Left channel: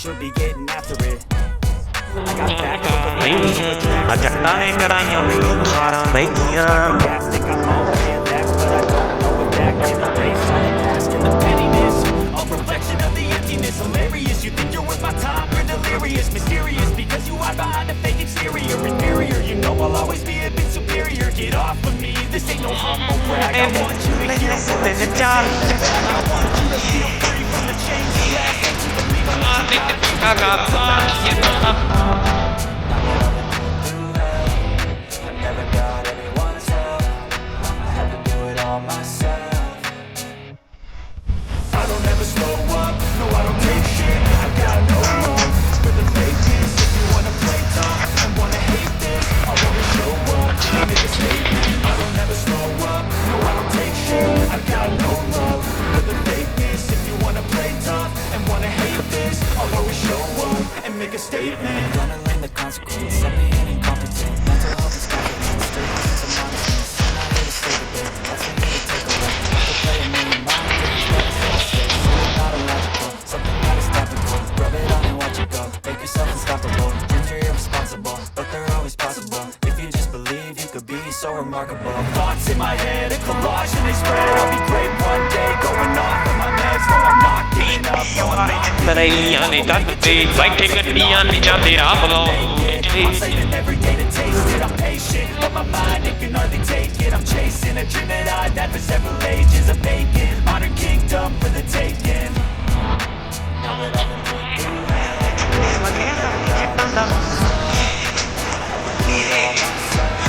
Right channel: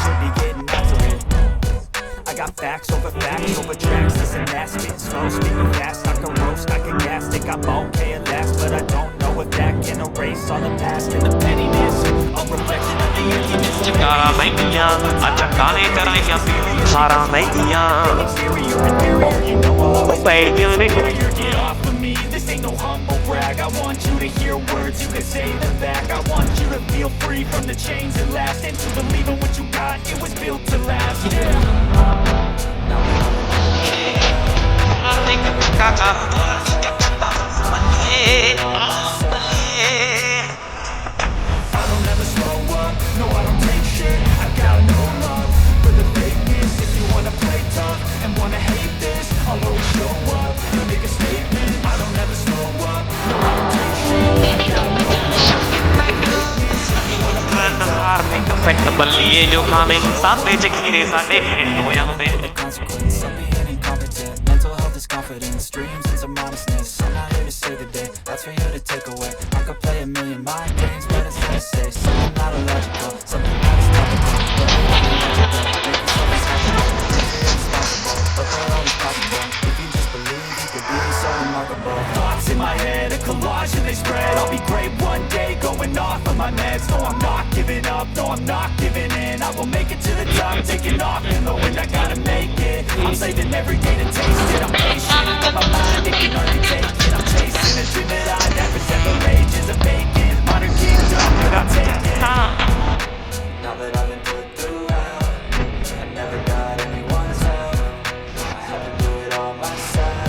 should be getting after it. I got facts over facts over tracks. Listen, that's gas. Think I'm okay at last, but I don't know if that can erase all the past and the pettiness. A reflection of the emptiness. Exterior, inferior, you know I'll always be superior. Get off of me, this ain't no humble brag. I want you to hear words, you can say them back. I want you to feel free from the chains that last. And to believe in what you got, you was built to last. Now that I've been through the pain, never got what it was. I do it all myself. I don't ever slow up, no I don't take shit. I got no love for the fakeness. If you wanna play tough and wanna hate this, I'll always show up and make a statement. I don't ever slow up, no I don't take shit. I got no love for the fakeness. If you wanna play tough and wanna hate this, I'll always show up and make a statement. I'm the consequence of being incompetent. Mental health is confidence, dreams and some honestness. I'm not here to save it there, that's for you to take away. I could play a million mind games, but it's all safe. Something not illogical, something that is topical. Rub it on and let you go, make yourself unstoppable. Dreams are irresponsible, but they're always possible. If you just believe, you could be so remarkable. Thoughts in my head, a collage and they spread. I'll be great one day, going off of my meds. No, I'm not giving up, no, I'm not giving in. I will make it to the top, taking off, I'm saving every day to taste it. I'm patient, but my mind, it can hardly take it. I'm chasing a dream that I've had for several ages. A vacant, modern kingdom that I'm taking. Now that I've been put through hell, never got anyone's help. I had to do it all myself.